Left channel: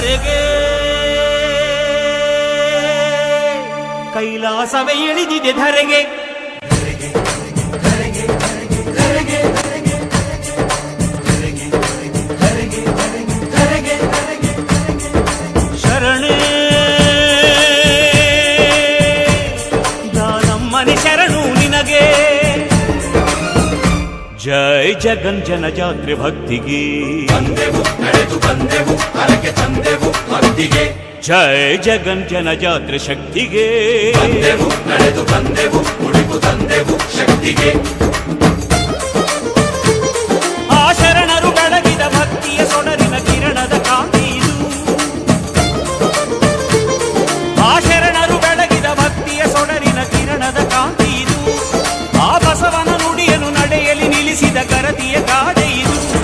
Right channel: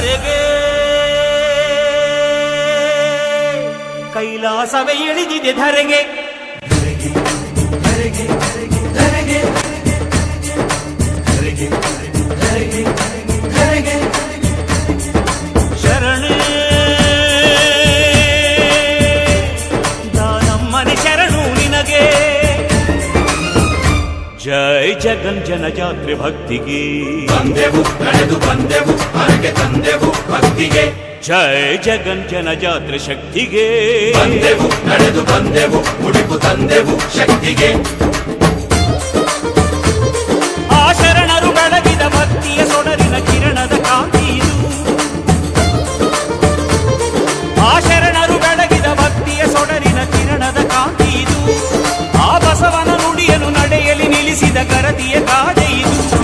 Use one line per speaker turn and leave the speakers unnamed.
ಧರೆಗೆ ಕೈಲಾಸವೇ ಇಳಿದಿದೆ ಧರೆಗೆ. ಶರಣೇ. ದಾನಮ್ಮನೆ ಶರಣು ನಿನಗೆ. ಜೈ ಜಗನ್ ಜನ ಜಾತ್ರೆ ಭಕ್ತಿಗೆ ಜಯ ಜಗನ್ ಜನ ಜಾತ್ರೆ ಶಕ್ತಿಗೆ. ಆ ಶರಣರು ಬೆಳಗಿದ ಭಕ್ತಿಯ ಸೊಡರಿನ ಕಿರಣದ ಕಾಂತಿ ಇದು. ಆ ಶರಣರು ಬೆಳಗಿದ ಭಕ್ತಿಯ ಸೊಡರಿನ ಕಿರಣದ ಕಾಂತಿ ಇದು. ಆ ಬಸವನ ನುಡಿಯನ್ನು ನಡೆಯಲಿ ನಿಲ್ಲಿಸಿದ ಕರತಿಯ ಗಾದೆ ಇದು.